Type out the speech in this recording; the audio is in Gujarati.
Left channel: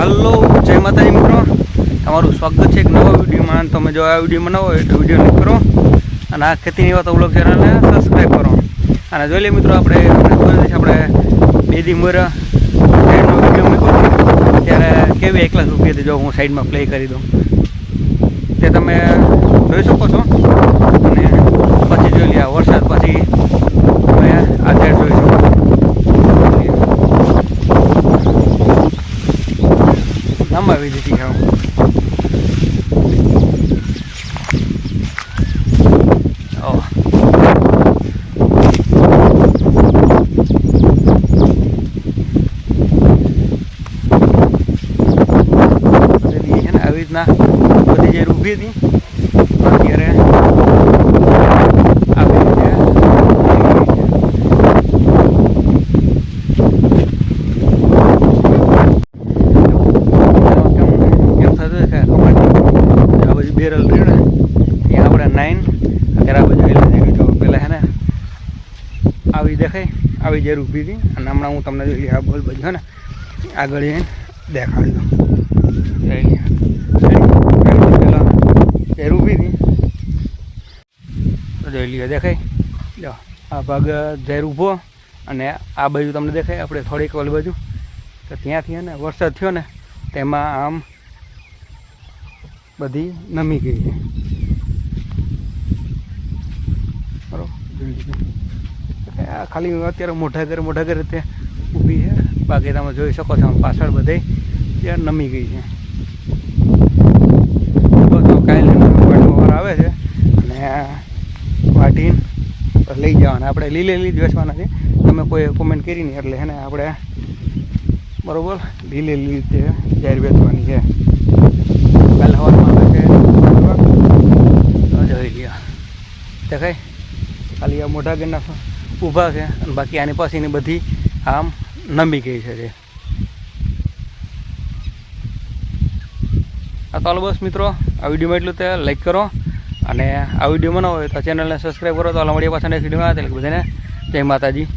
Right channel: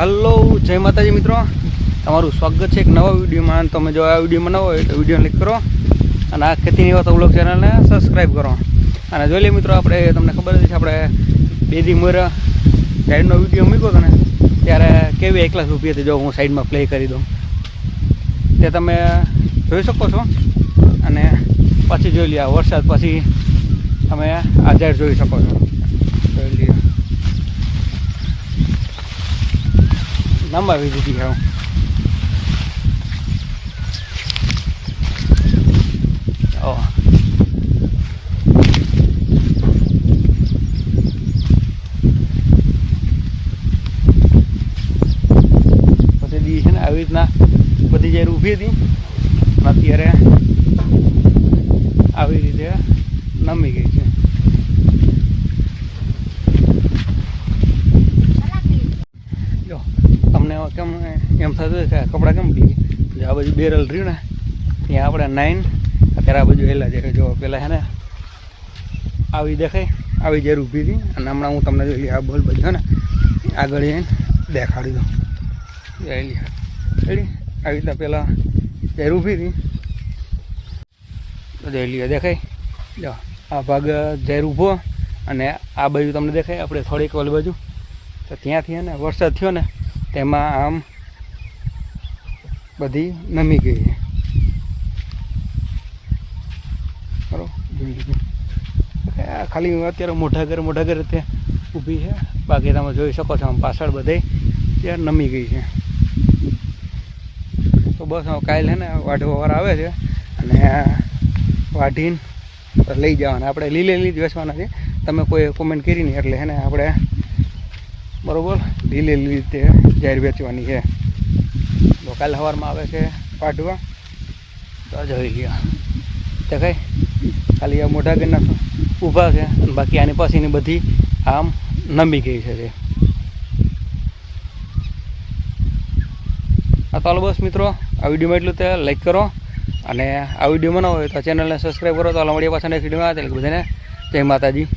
હલો, જય માતાજી મિત્રો, તમારું સ્વાગત છે એક નવા વિડીયોમાં. તમે જો આ વિડીયોમાં નવો હોય તો વિડીયો લાઈક કરો અને આ ખેતીની વાત વ્લોગ ચેનલને સબસ્ક્રાઈબ કરો. અને જોઈ લઈએ મિત્રો, આપણે તમને ખબર છે આપણે 2 દી મોર ટ્રેનનો વિડીયો મૂક્યો ત્યારે કેવી 1 લાખ રૂપિયા જો હું સાઈડમાં પ્લે કરી દઉં તે તમે જોઈ શકો છો. અને પછી જોઈ લઈએ વરસાદ પછી તમે આ ઝેડ જોઈ શકો છો. લંબાવી દીધી છે બધી છે ને આવી રીતના બધી જે ઊભી હતી અત્યારે આવી રીતે આ બાજુ બેરલ રહ્યું ને ત્યાં આપણે 9 અત્યારે આ બાજુ એલા દેખાય જો પેલા હે ને આવી દેખાય આવી જરૂર ઊભી હતી. અને હમણાં હું તમને જોઈ આ બોલ બાજુ હે ને આગળ જઈને દેખાડી દઉં. આવી રીતે પેલા જરૂર ઊભી હતી તો જોઈ લઈએ દેખાય જો આ ભાગ ઝેર ઊભો અને આ બાજુ તમને દેખાય આપણે થોડીક ઓલી બાજુ તો ત્યાંથી હે ને વરસાદ થયો ને તેમાં આમ બધી નમી ગઈ છે બરાબર. જોઈ લીધું ખાલી અત્યારે મોટા ઘર તે ઊભી છે, બાકી તમે જોઈ શકો છો આમ પાછળ બધે ત્યાં નમી ગઈ છે. બસ કાલે ને વાટવા આવે છે અને વાટીને લઈ જવાના. આપણે લીલી જ વેચવાના છે. તમે કોઈ કોમેન્ટ કરી નહીં એટલે હે ને આપણે બરાબર લીલી રીતે જાહેર વેચવાની છે. કાલે સવારમાં આવે છે વાટવા તો જોઈ લ્યો દેખાય ખાલી આ મોટા ઘરના ઊભા છે અને બાકી આની પાસેની બધી આમ નમી ગઈ છે. આ તો બસ મિત્રો, આ વિડીયોમાં એટલું તે લાઈક કરો અને આ વિડીયો બનાવો હોય તો ચેનલને સબસ્ક્રાઈબ કરો. તો મળીએ પાછા નેક્સ્ટ વિડીયોમાં. એટલે બધાને જય માતાજી.